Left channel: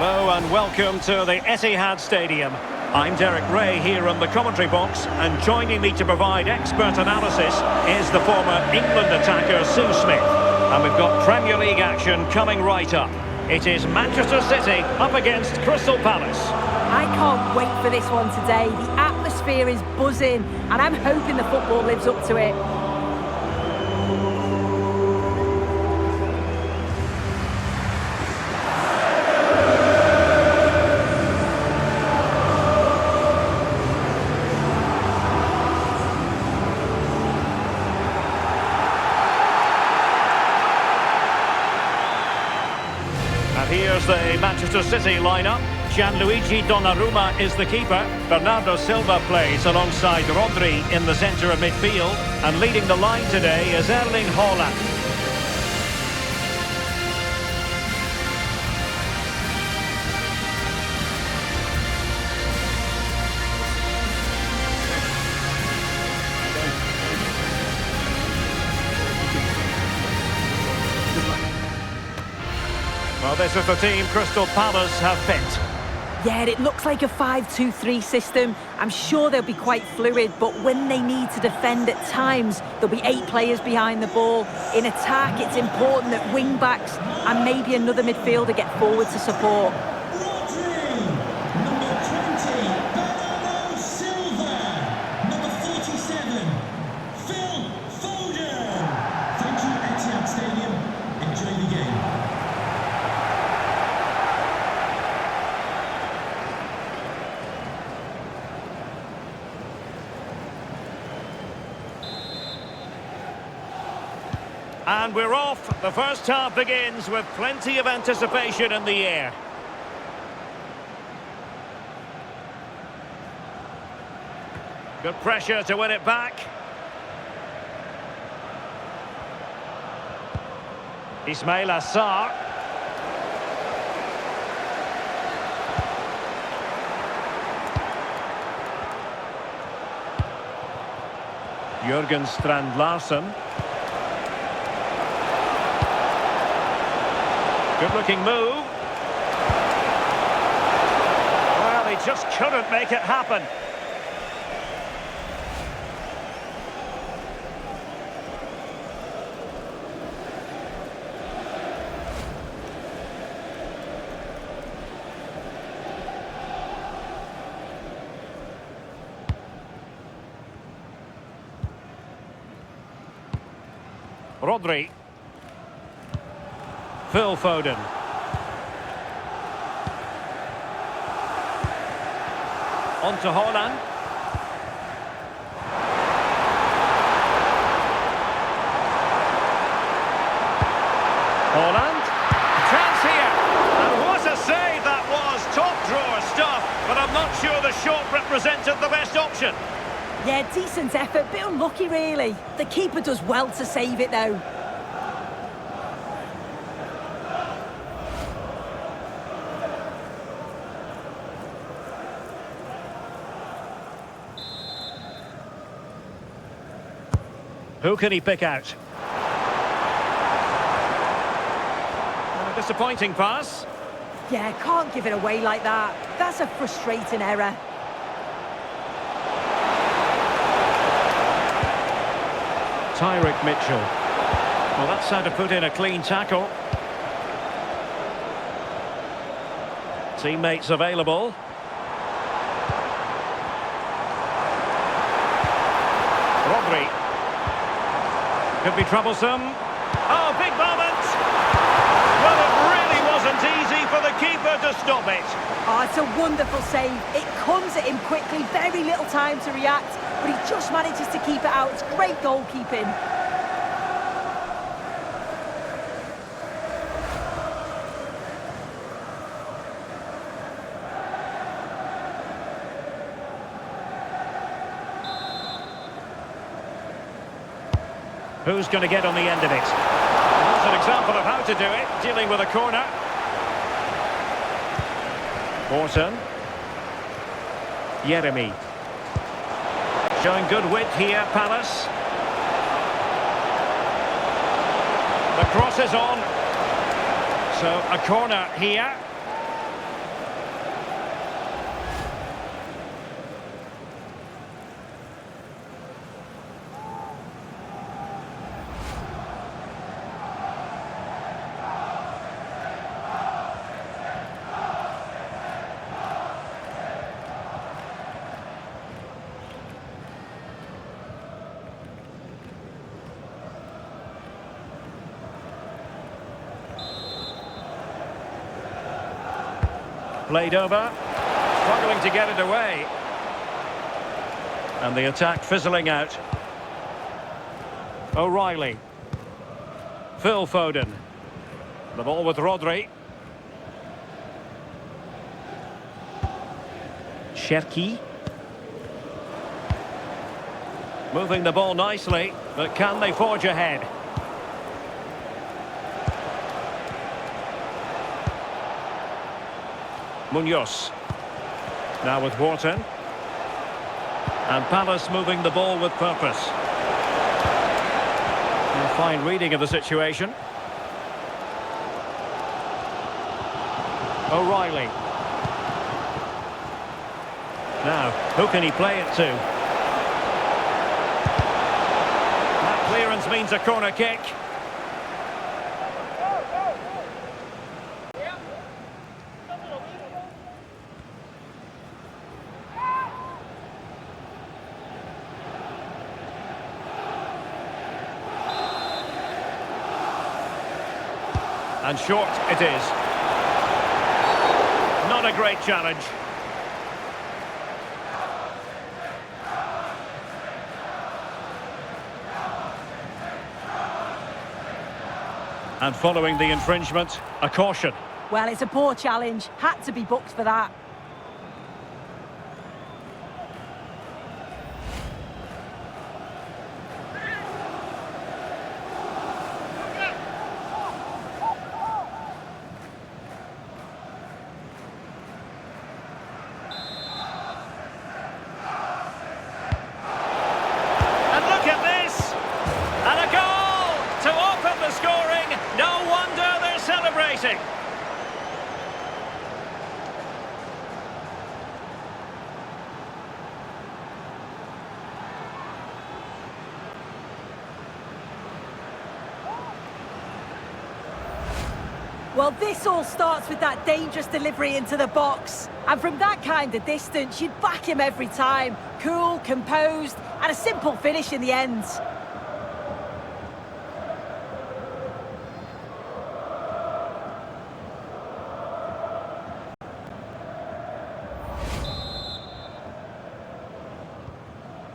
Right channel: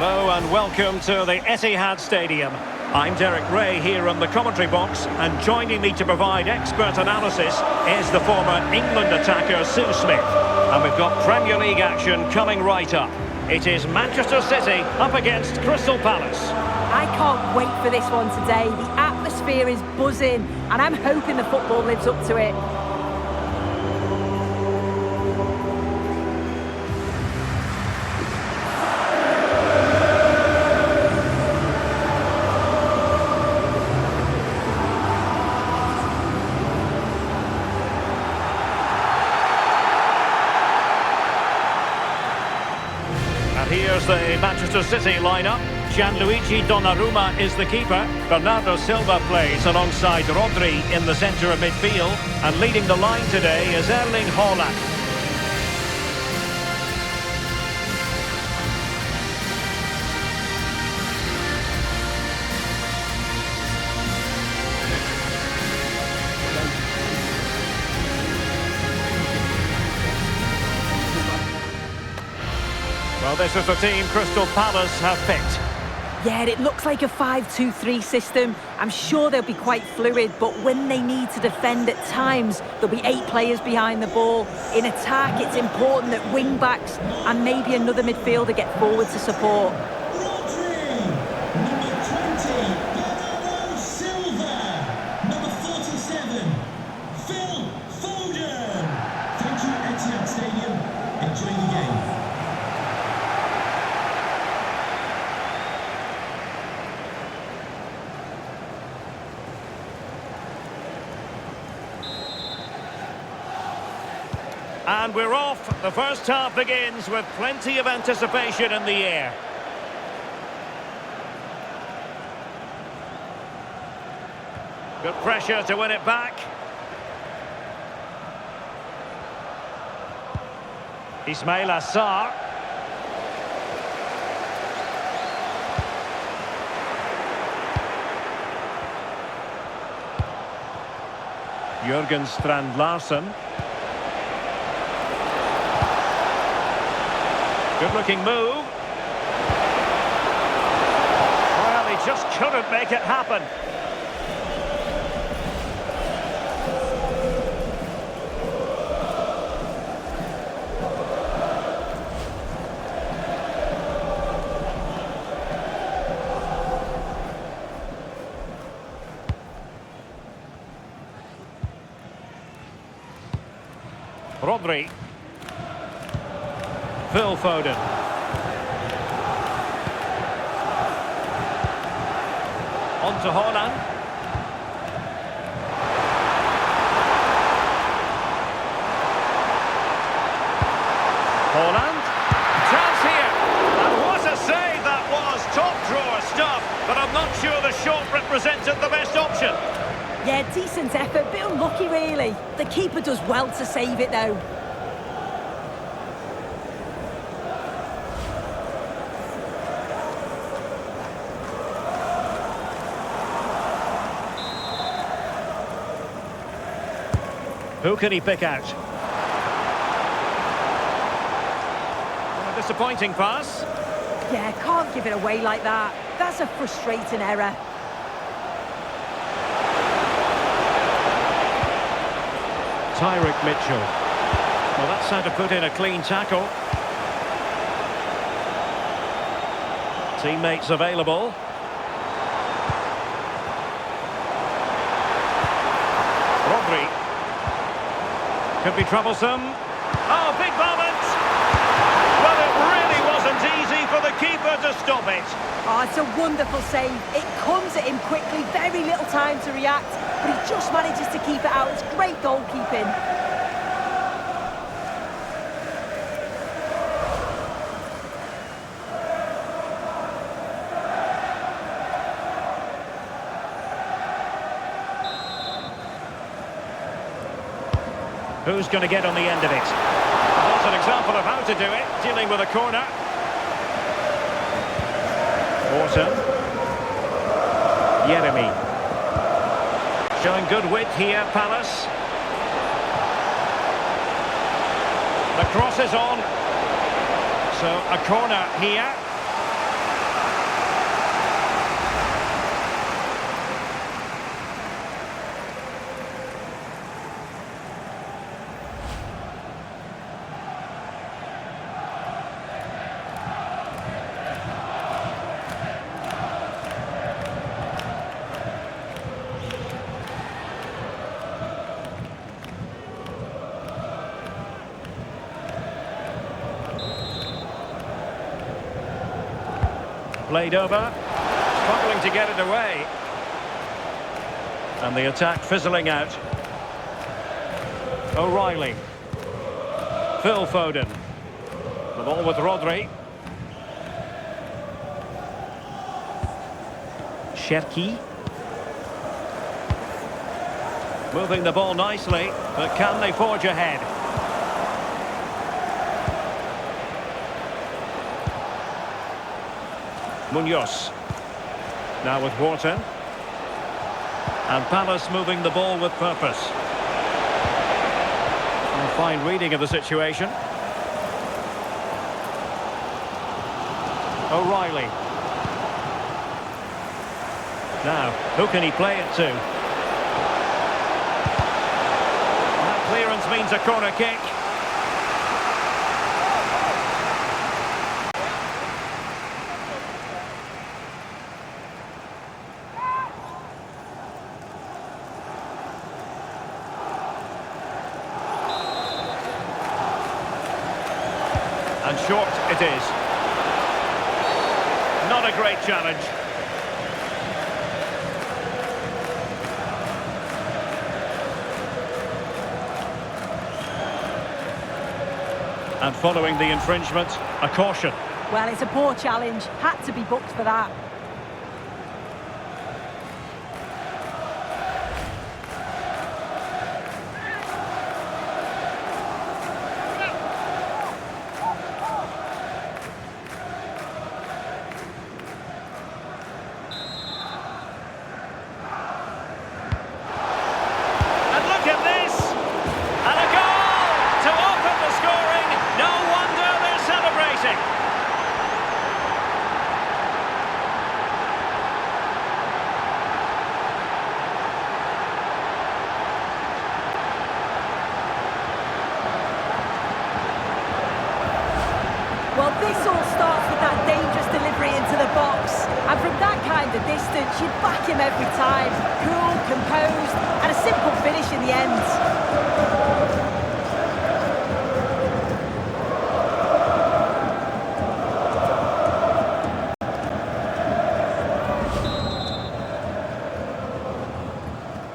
Hello and welcome to the Etihad Stadium. I'm Derek Ray here in the commentary box, and joining me to provide expert analysis is the former England attacker Sue Smith. And we've got Premier League action coming right up. It is Manchester City up against Crystal Palace. I can't wait for this one today. The atmosphere is buzzing and I'm hoping the football lives up to it. And here's the Manchester City lineup. Gianluigi Donnarumma is the keeper. Bernardo Silva plays alongside Rodri in the centre of midfield. And leading the line today is Erling Haaland. Well, this is the team Crystal Palace have picked. Yeah, it looks like a 5-2-3 system. I'm sure they'll be quite fluid, but when they need to defend at times, there'll be 8 players behind the ball. In attack, it's important that wing-backs and maybe another midfielder get forward to support. Rodri, number 20, Bernardo Silva, number 47, Phil Foden. Thank you, Etihad Stadium. Enjoy the game. And we're off. The first half begins with plenty of anticipation in the air. Good pressure to win it back. Ismail Assar. Jurgen Strand Larsen. Good-looking move. Well, he just couldn't make it happen. Rodri. Phil Foden. On to Haaland. Haaland. Chance here. And what a save that was. Top drawer stuff. But I'm not sure the shot represented the best option. Yeah, decent effort, bit unlucky really. The keeper does well to save it though. Who can he pick out? And a disappointing pass. Yeah, can't give it away like that. That's a frustrating error. Tyrick Mitchell. Well, that's how to put in a clean tackle. Teammates available. Rodri. Could be troublesome. Oh, big moment! Well, it really wasn't easy for the keeper to stop it. Oh, it's a wonderful save. It comes at him quickly, very little time to react, but he just manages to keep it out. It's great goalkeeping. Who's going to get on the end of it? That's an example of how to do it, dealing with a corner. Orton. Yeremy. Showing good width here, Palace. The cross is on. So a corner here. Played over. Struggling to get it away. And the attack fizzling out. O'Reilly. Phil Foden. The ball with Rodri. Cherki. Moving the ball nicely, but can they forge ahead? Munoz. Now with Wharton. And Palace moving the ball with purpose. A fine reading of the situation. O'Reilly. Now, who can he play it to? That clearance means a corner kick. And short it is. Not a great challenge. And following the infringement, a caution. Well, it's a poor challenge. Had to be booked for that. And look at this! And a goal to open the scoring. No wonder they're celebrating. Well, this all starts with that dangerous delivery into the box. And from that kind of distance, you'd back him every time. Cool, composed, and a simple finish in the end.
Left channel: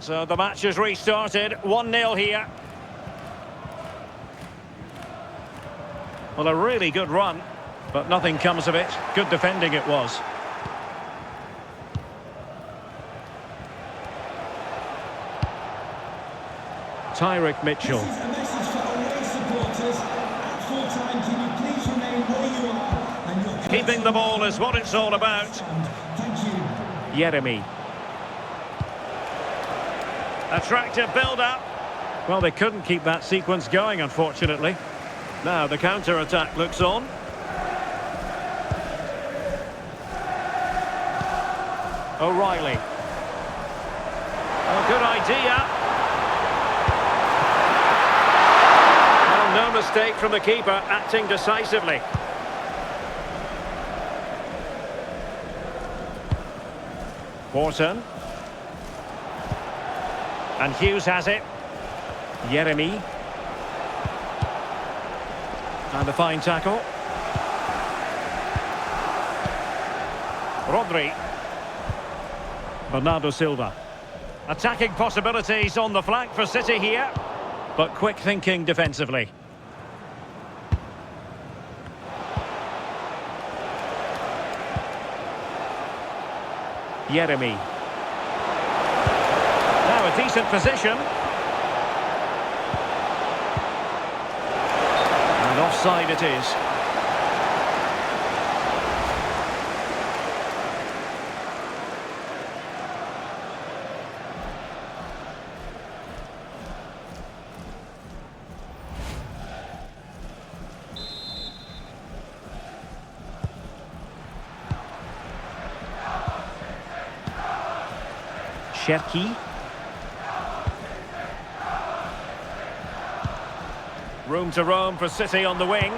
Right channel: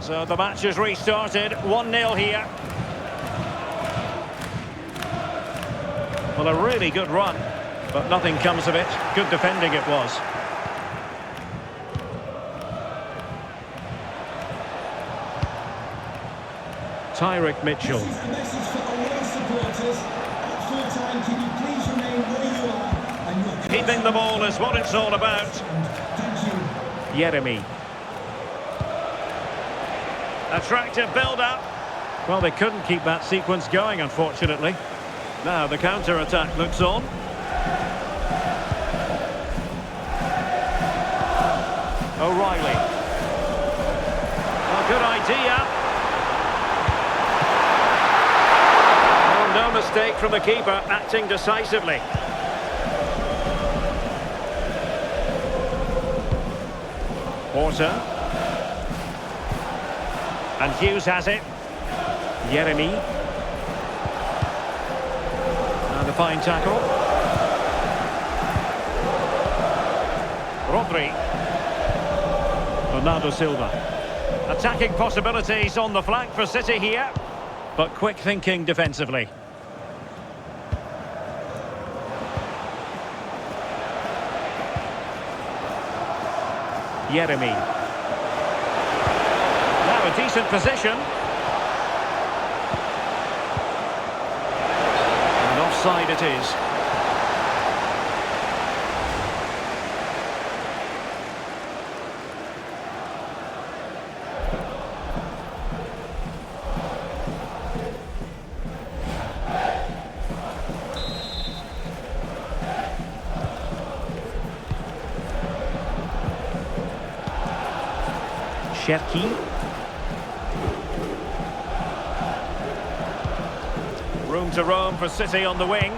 So the match has restarted, 1-0 here. Well, a really good run, but nothing comes of it. Good defending it was. Tyrick Mitchell. This is a message for away supporters. At full time, can you please remain where you are? And your Keeping the ball is what it's all about. Thank you. Yeremy. Attractive build-up. Well, they couldn't keep that sequence going, unfortunately. Now the counter-attack looks on. O'Reilly. Oh, good idea. Oh, no mistake from the keeper, acting decisively. Wharton. And Hughes has it. Yeremy. And a fine tackle. Rodri. Bernardo Silva. Attacking possibilities on the flank for City here, but quick thinking defensively. Yeremy. Now a decent position. And offside it is. Cherki. Room to roam for City on the wing.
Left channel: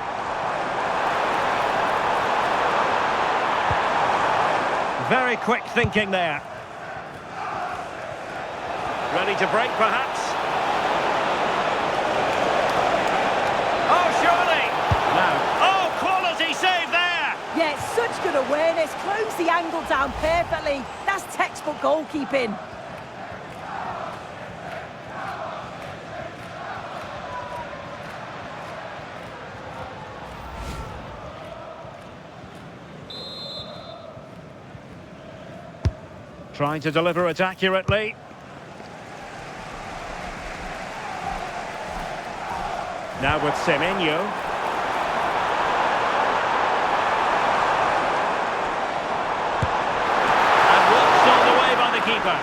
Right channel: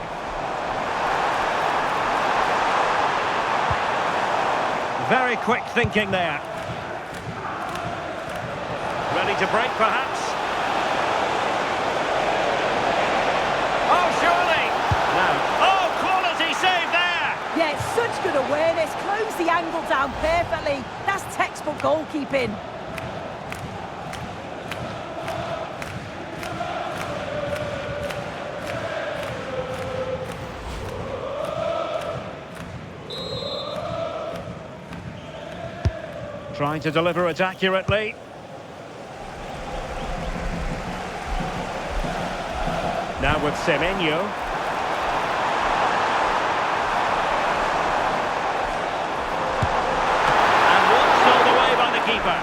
Very quick thinking there. Ready to break, perhaps? Oh, surely! Now, oh, quality save there! Yeah, it's such Such good awareness, closed the angle down perfectly. That's textbook goalkeeping. Trying to deliver it accurately. Now with Semenyo. And one stole away by the keeper.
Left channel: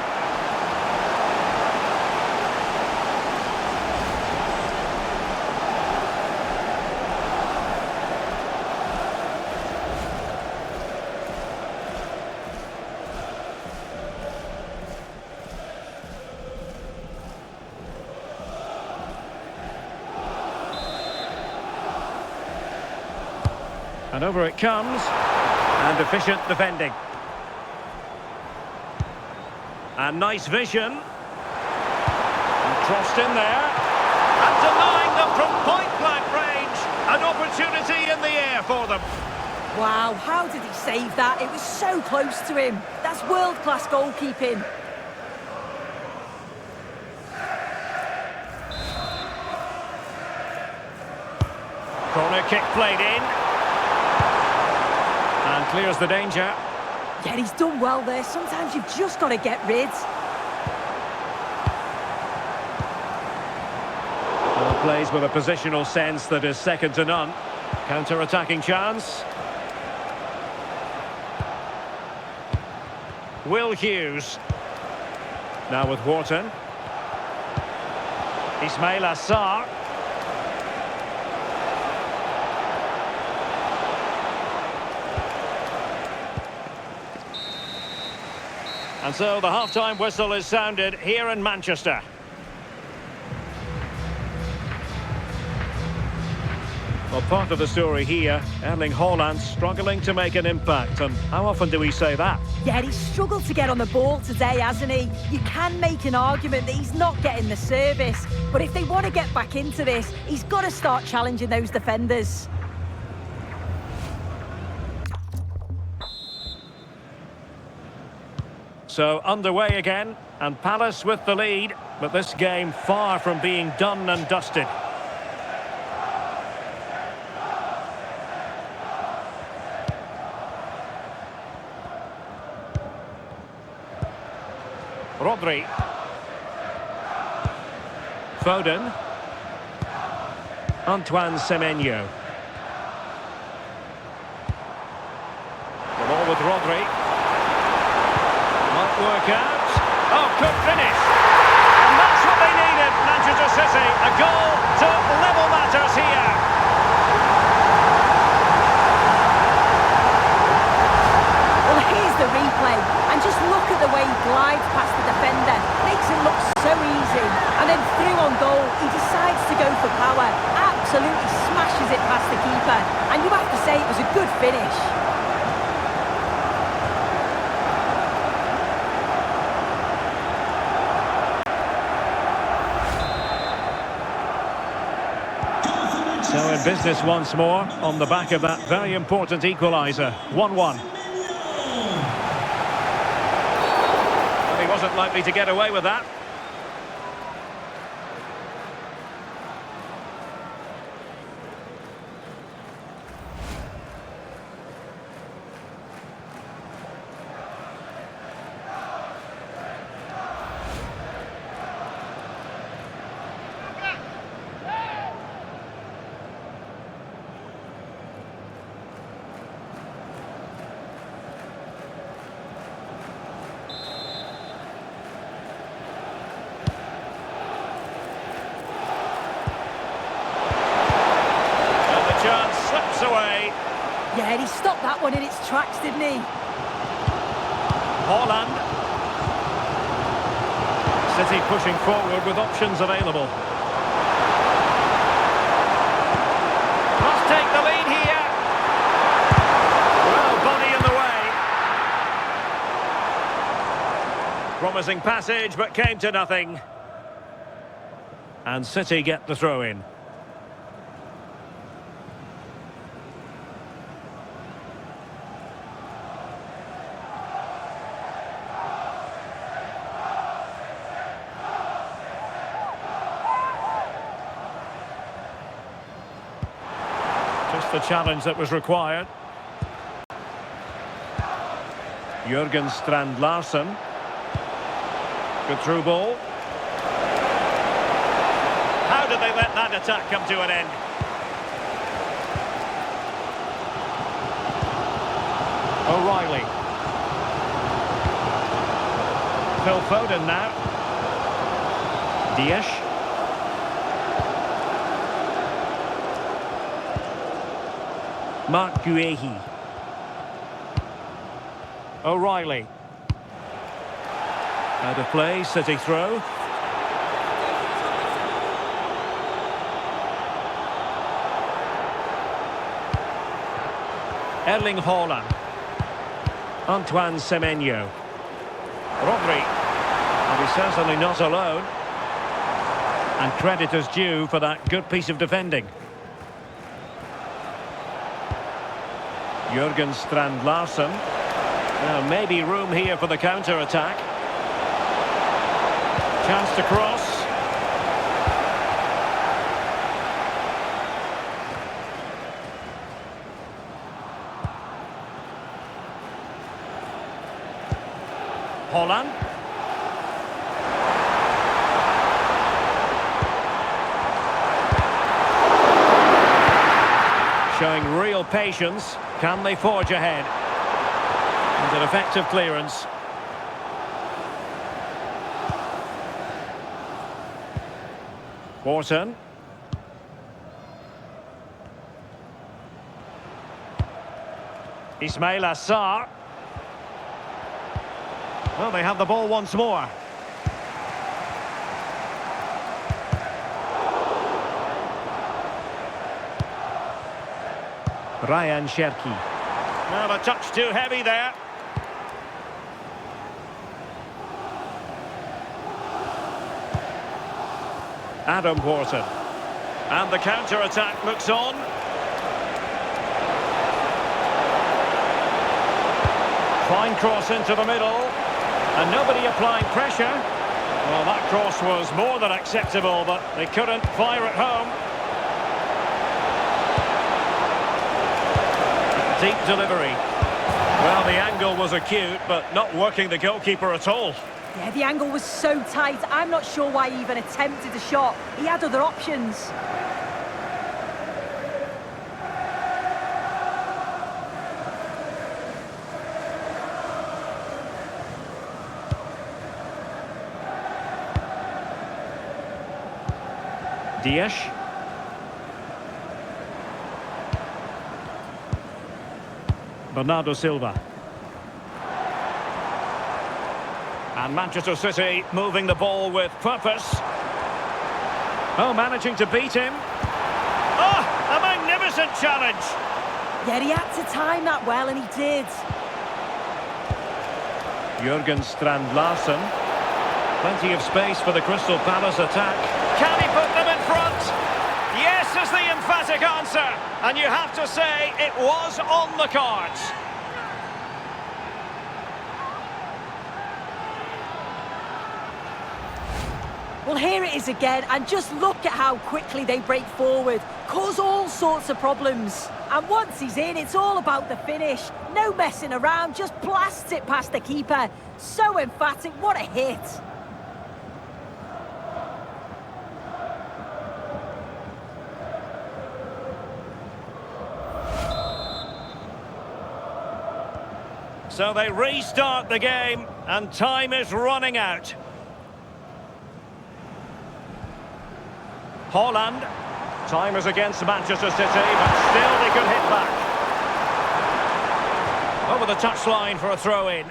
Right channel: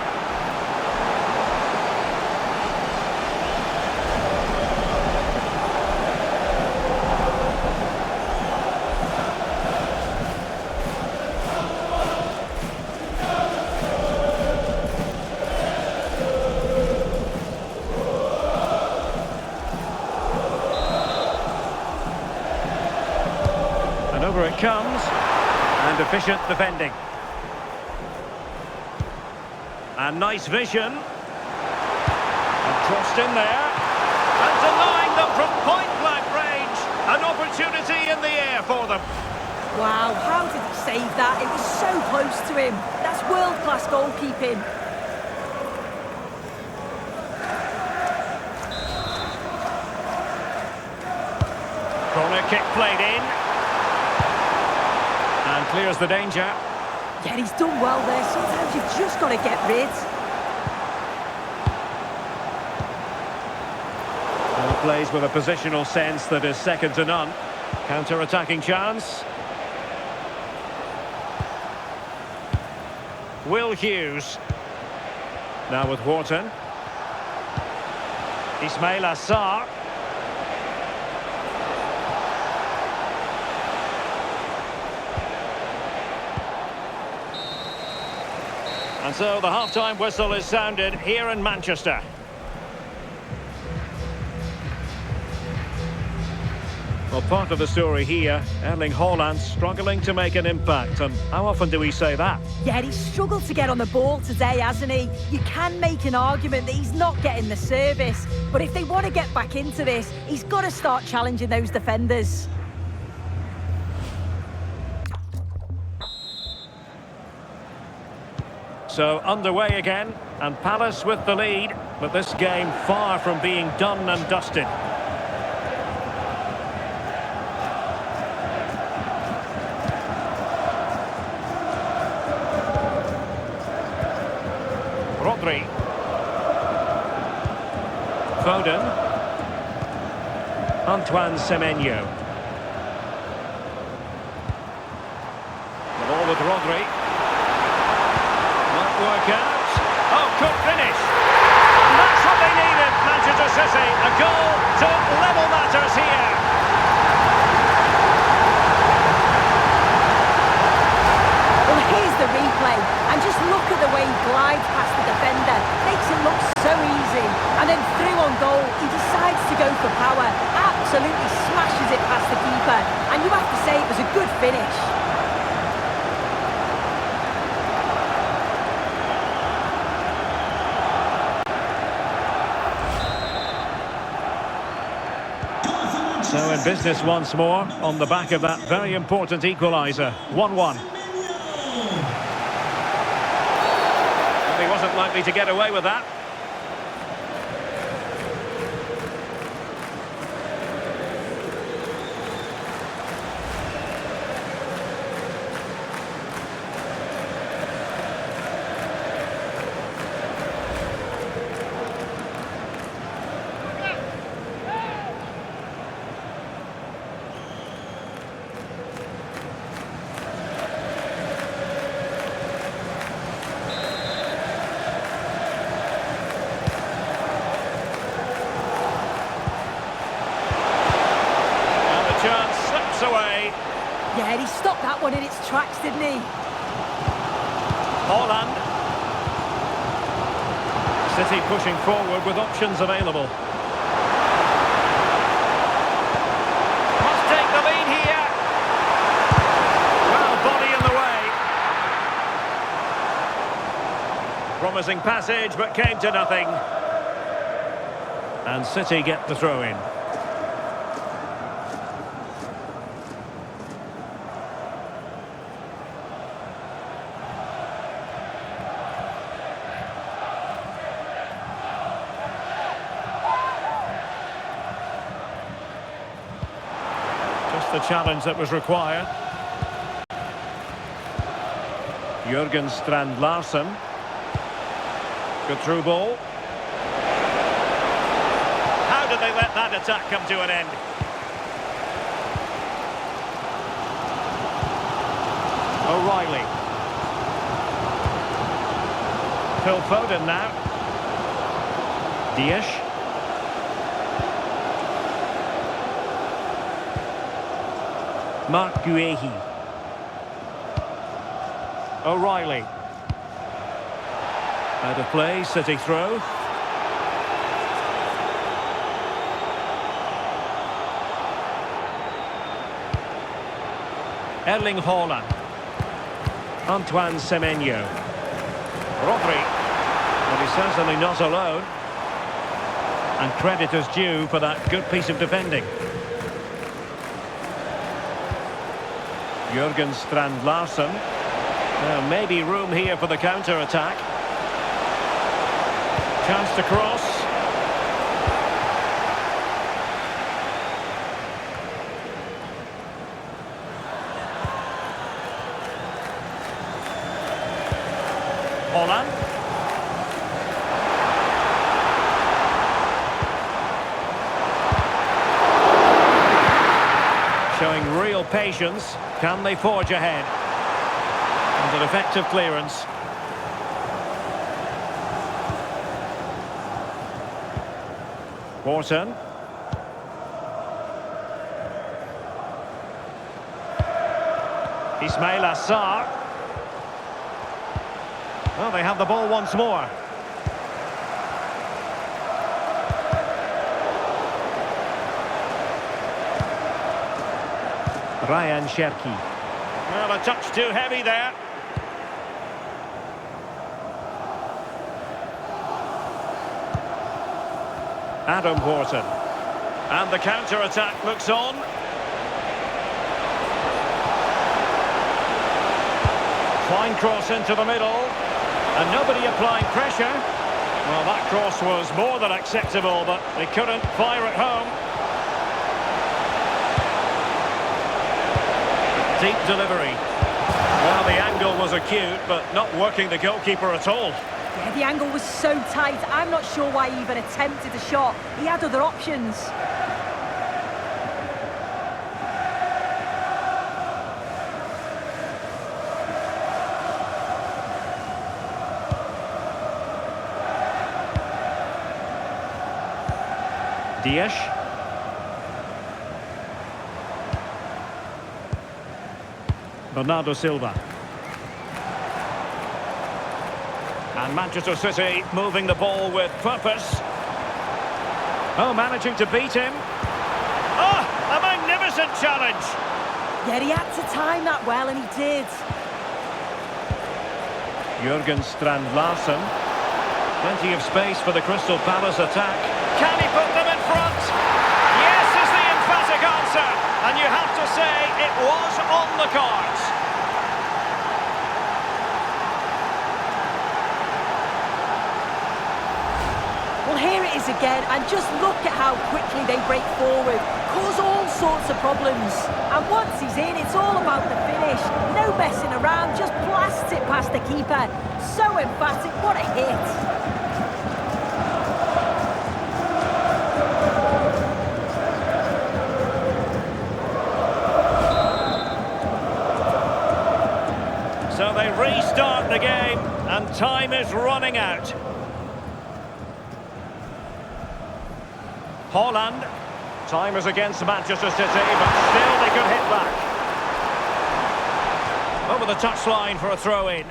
And over it comes, and efficient defending. And nice vision. And crossed in there. And denying them from point-blank range. An opportunity in the air for them. Wow, how did he save that? It was so close to him. That's world-class goalkeeping. Corner kick played in. And clears the danger. Yeah, he's done well there. Sometimes you've just got to get rid. Well, plays with a positional sense that is second to none. Counter-attacking chance. Will Hughes. Now with Wharton. Ismail Assar. And so the half-time whistle is sounded here in Manchester. Well, part of the story here, Erling Haaland struggling to make an impact. And how often do we say that? Yeah, he's struggled to get on the ball today, hasn't he? You can make an argument that he's not getting the service. But if they want to get back into this, he's got to start challenging those defenders. So underway again, and Palace with the lead, but this game far from being done and dusted. Rodri. Foden. Antoine Semenyo. The ball with Rodri. Might work out. Oh, could finish. And that's what they needed, Manchester City. A goal to level matters here. Well, here's the replay. And just look at the way he glides past the defender. Makes it look so easy. And then through on goal, he decides to go for power. Absolutely smashes it past the keeper. And you have to say it was a good finish. So in business once more, on the back of that very important equaliser. 1-1. Well, he wasn't likely to get away with that. Chance slips away. Yeah, he stopped that one in its tracks, didn't he? Haaland. City pushing forward with options available. Must take the lead here. Well, body in the way. Promising passage, but came to nothing. And City get the throw in. Just the challenge that was required. Jurgen Strand Larsen. Good through ball. How did they let that attack come to an end? O'Reilly. Phil Foden now. Dias. Mark Guehi. O'Reilly. Out of play, City throw. Erling Haaland. Antoine Semenyo. Rodri. And he's certainly not alone. And credit is due for that good piece of defending. Jurgen Strand Larsen. Well, maybe room here for the counter-attack. Chance to cross. Haaland. Showing real patience. Can they forge ahead? And an effective clearance. Wharton. Ismail Assar. Well, they have the ball once more. Ryan Cherki. Well, a touch too heavy there. Adam Wharton. And the counter-attack looks on. Fine cross into the middle. And nobody applying pressure. Well, that cross was more than acceptable, but they couldn't fire it home. Deep delivery. Well, the angle was acute, but not working the goalkeeper at all. Yeah, the angle was so tight. I'm not sure why he even attempted the shot. He had other options. Dias. Bernardo Silva. And Manchester City moving the ball with purpose. Oh, managing to beat him. Oh, a magnificent challenge. Yeah, he had to time that well, and he did. Jurgen Strand Larsen. Plenty of space for the Crystal Palace attack. Can he put them in front? Yes is the emphatic answer. And you have to say it was on the cards. Well, here it is again, and just look at how quickly they break forward, cause all sorts of problems. And once he's in, it's all about the finish. No messing around, just blasts it past the keeper. So emphatic, what a hit. So they restart the game, and time is running out. Haaland. Time is against Manchester City, but still they could hit back. Over the touchline for a throw-in.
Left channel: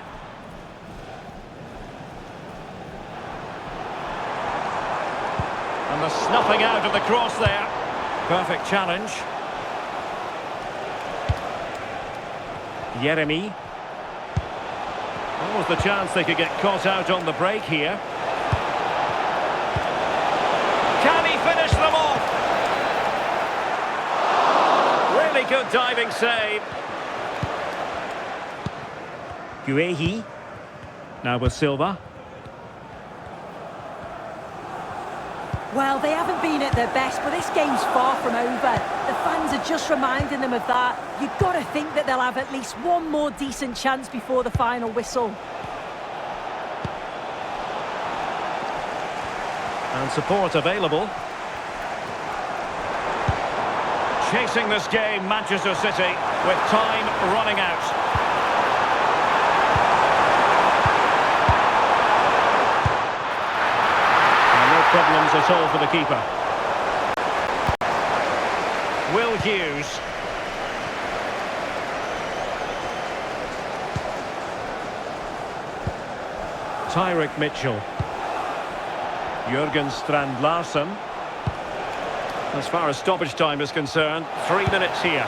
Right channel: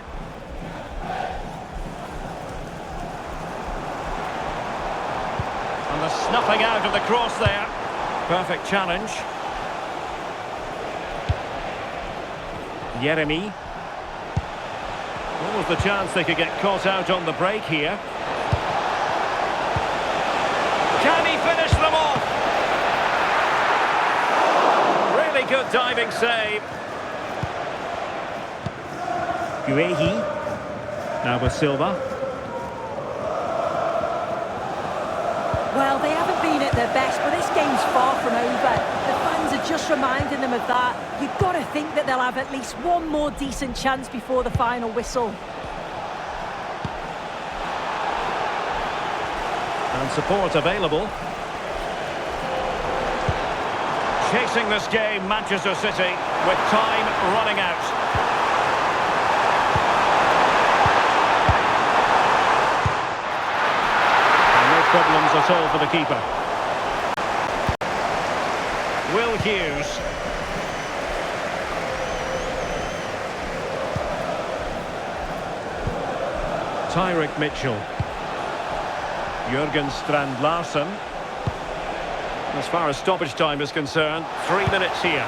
And the snuffing out of the cross there. Perfect challenge. Yeremy. What was the chance they could get caught out on the break here? Can he finish them off? Really good diving save. Guehi. Now with Silva. Well, they haven't been at their best, but this game's far from over. The fans are just reminding them of that. You've got to think that they'll have at least one more decent chance before the final whistle. And support available. Chasing this game, Manchester City, with time running out. No problems at all for the keeper. Will Hughes. Tyrick Mitchell. Jurgen Strand Larsen. As far as stoppage time is concerned, 3 minutes here.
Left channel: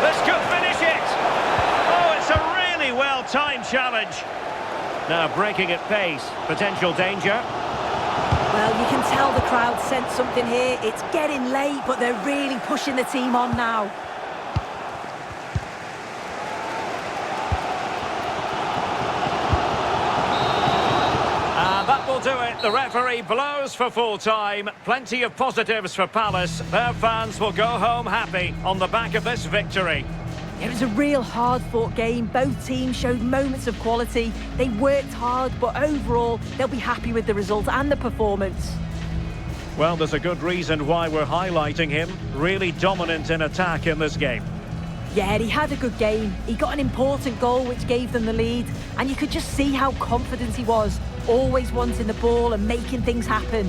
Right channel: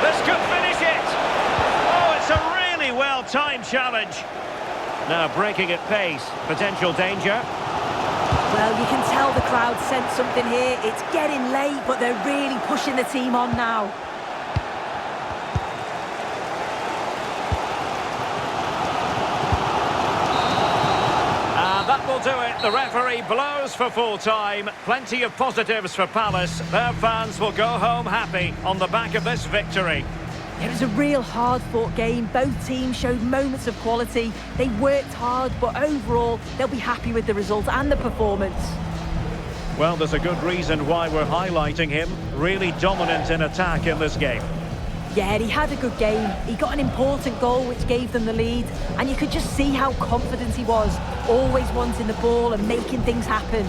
This could finish it! Oh, it's a really well-timed challenge. Now breaking at pace, potential danger. Well, you can tell the crowd sensed something here. It's getting late, but they're really pushing the team on now. And that will do it. The referee blows for full time. Plenty of positives for Palace. Their fans will go home happy on the back of this victory. It was a real hard-fought game. Both teams showed moments of quality. They worked hard, but overall, they'll be happy with the result and the performance. Well, there's a good reason why we're highlighting him. Really dominant in attack in this game. Yeah, he had a good game. He got an important goal which gave them the lead, and you could just see how confident he was, always wanting the ball and making things happen.